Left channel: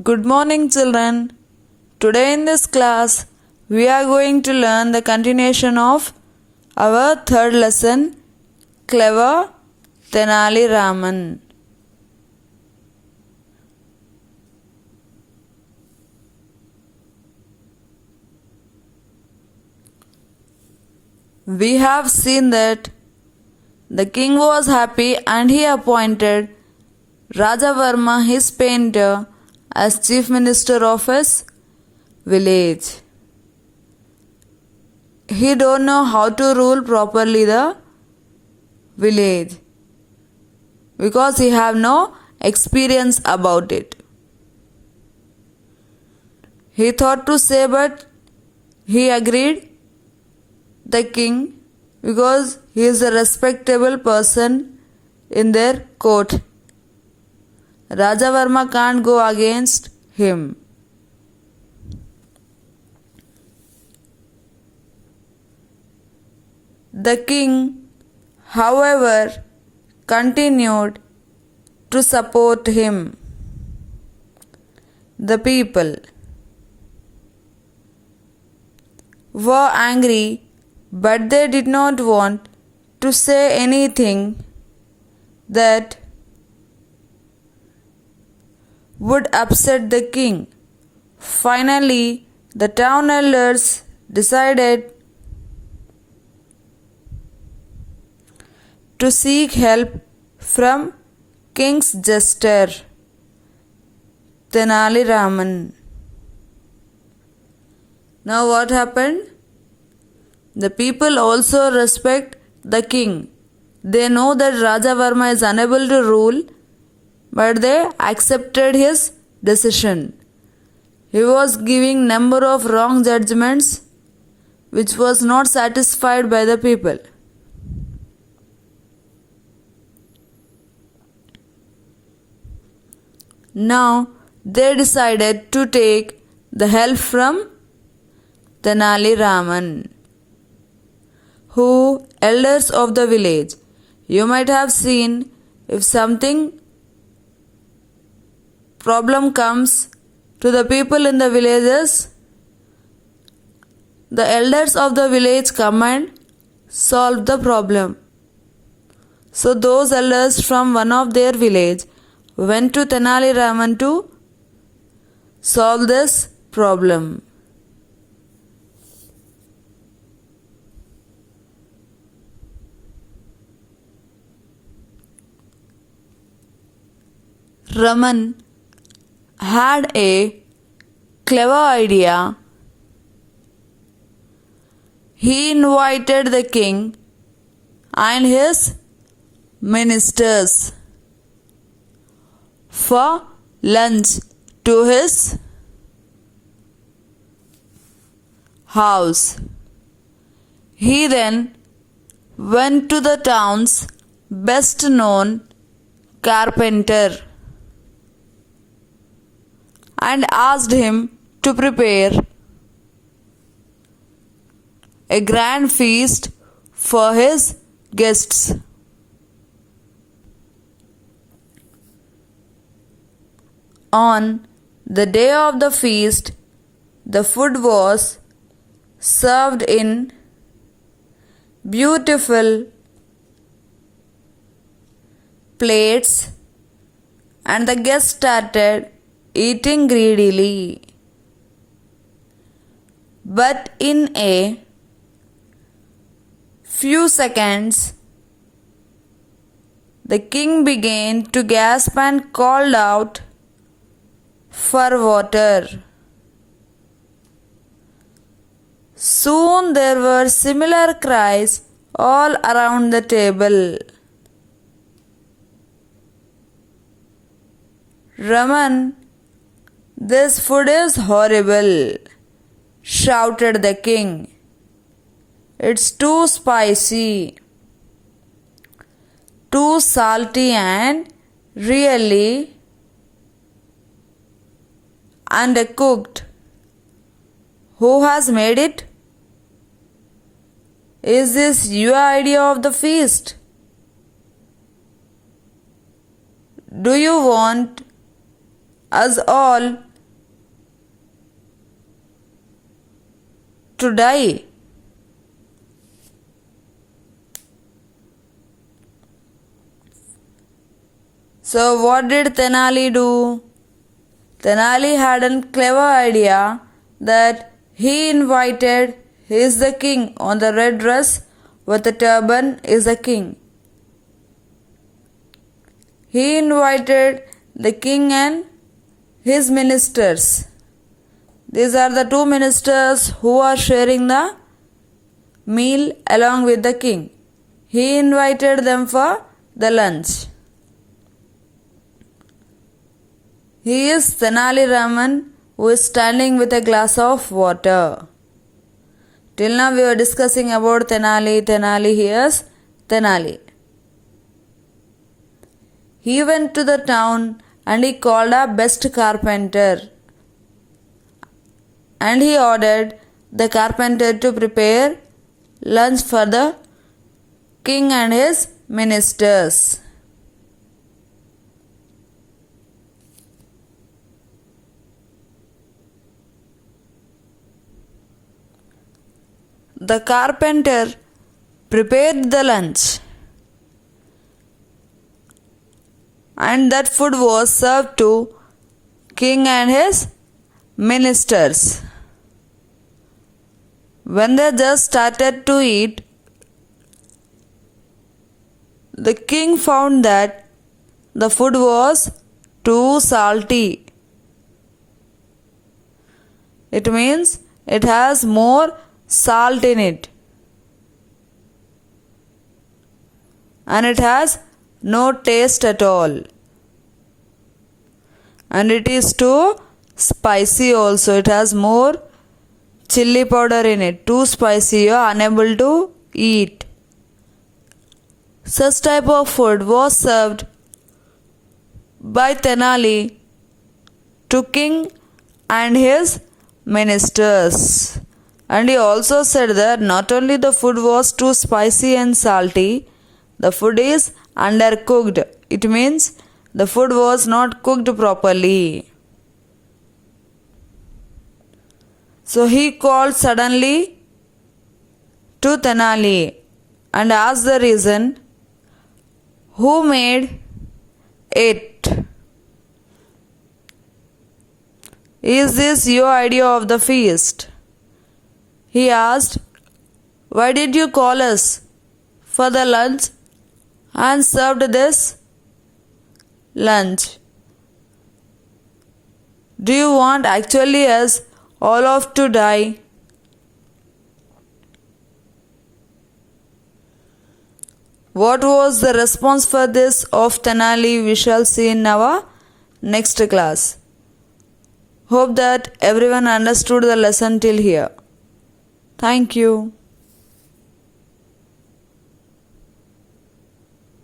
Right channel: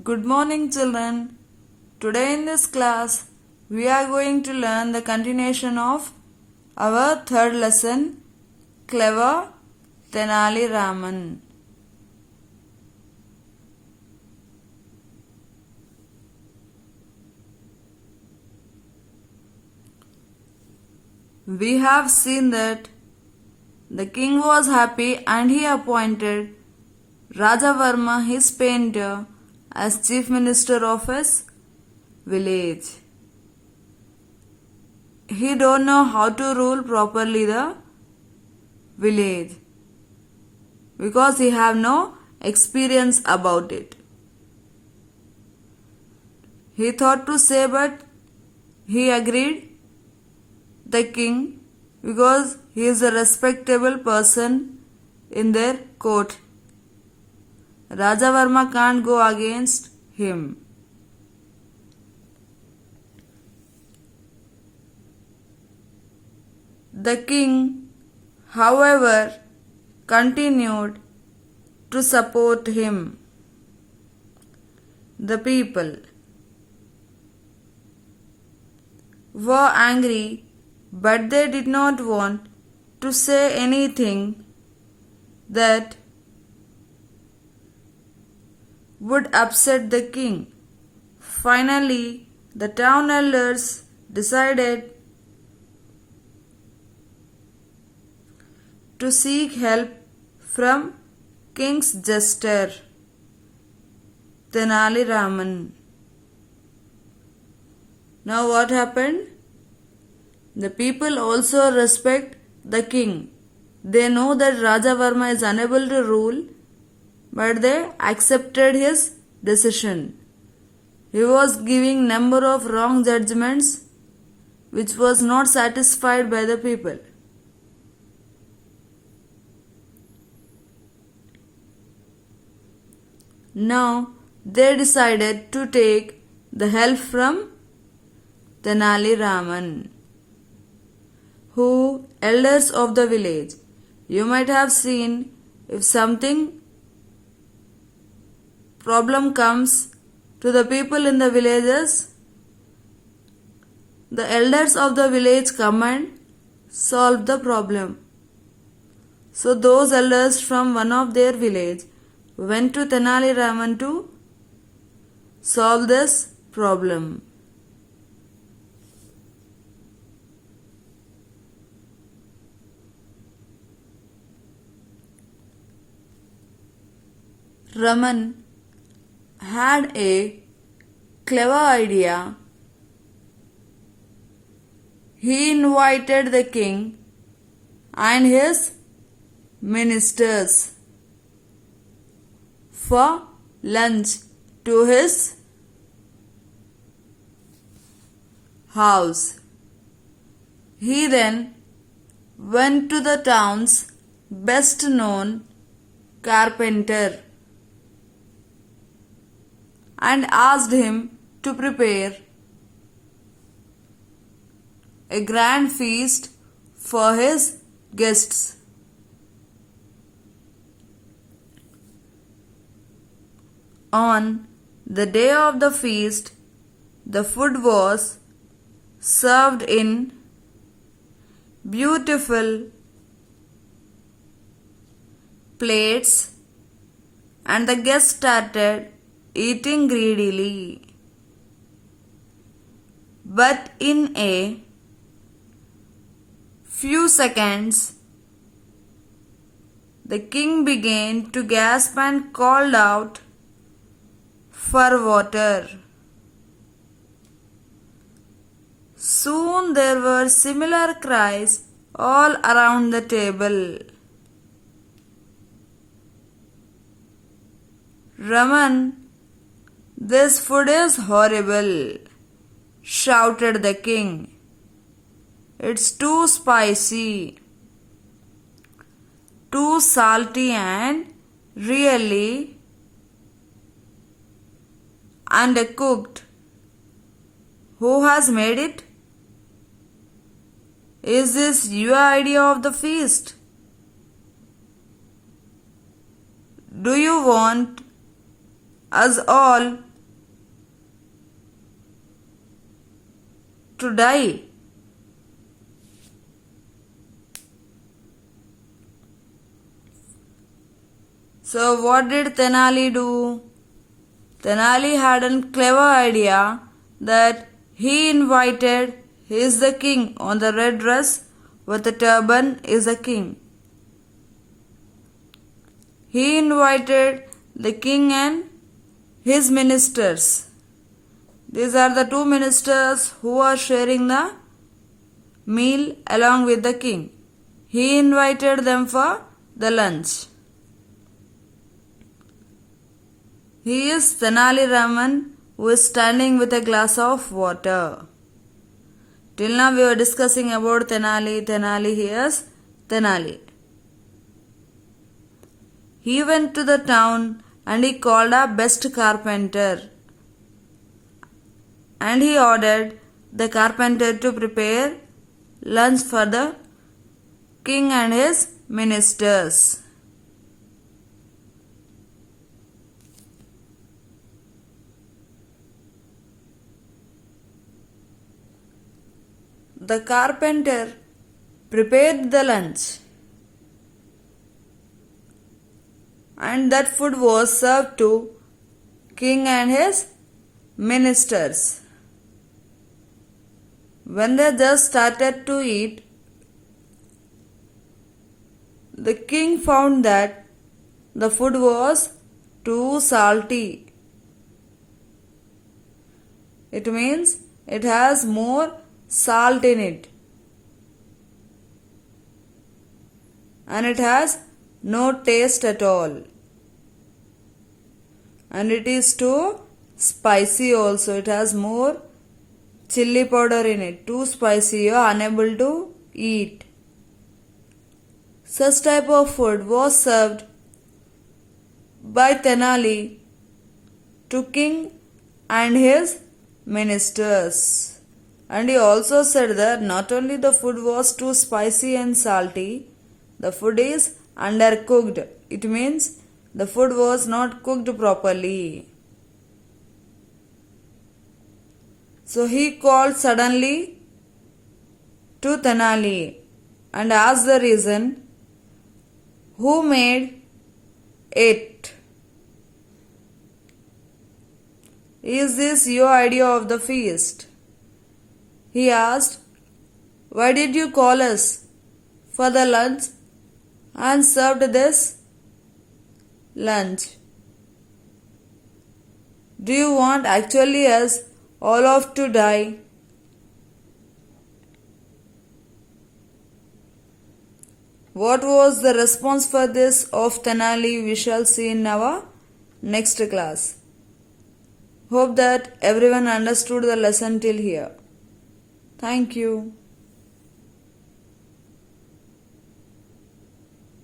Good morning, children. Today in this class, we are going to learn the continuation of our third lesson, Clever Tenali Raman. We have seen that the king was happy and he appointed Raja Varma, his painter, as chief minister of his village. He don't know how to rule properly the village because he have no experience about it. He thought to say, but he agreed the king because he is a respectable person in their court. Raja Varma can't go against him. The king, however, continued to support him. The people were angry, but they did not want to say anything that would upset the king. Finally, the town elders decided to seek help from king's jester, Tenali Raman. Now what happened? The people also respect the king. They know that Raja Varma is unable to rule, but they accepted his decision. He was giving number of wrong judgments which was not satisfied by the people. Now they decided to take the help from Tenali Raman, who elders of the village. You might have seen if something problem comes to the people in the villages, the elders of the village come and solve the problem. So those elders from one of their village went to Tenali Raman to solve this problem. Raman had a clever idea. He invited the king and his ministers for lunch to his house. He then went to the town's best known carpenter and asked him to prepare a grand feast for his guests. On the day of the feast, the food was served in beautiful plates, and the guests started eating greedily. But in a few seconds, the king began to gasp and called out for water. Soon there were similar cries all around the table. Raman, this food is horrible, shouted the king. It's too spicy, too salty and really undercooked. Who has made it? Is this your idea of the feast? Do you want us all to die. So what did Tenali do? Tenali had a clever idea that he invited "He is the king" on the red dress with a turban is the king. He invited the king and his ministers. These are the two ministers who are sharing the meal along with the king. He invited them for the lunch. He is Tenali Raman, who is standing with a glass of water. Till now we were discussing about Tenali. Tenali, here's Tenali. He went to the town and he called a best carpenter. And he ordered the carpenter to prepare lunch for the king and his ministers. The carpenter prepared the lunch, and that food was served to king and his ministers. When they just started to eat, the king found that the food was too salty. It means it has more salt in it, and it has no taste at all, and it is too spicy also. It has more chili powder in it. Too spicy, you are unable to eat. Such type of food was served by Tenali to king and his ministers. And he also said that not only the food was too spicy and salty, the food is undercooked. It means the food was not cooked properly. So he called suddenly to Tenali and asked the reason, who made it? Is this your idea of the feast? He asked, why did you call us for the lunch and served this lunch? Do you want actually us all of to die? What was the response for this of Tenali? We shall see in our next class. Hope that everyone understood the lesson till here. Thank you.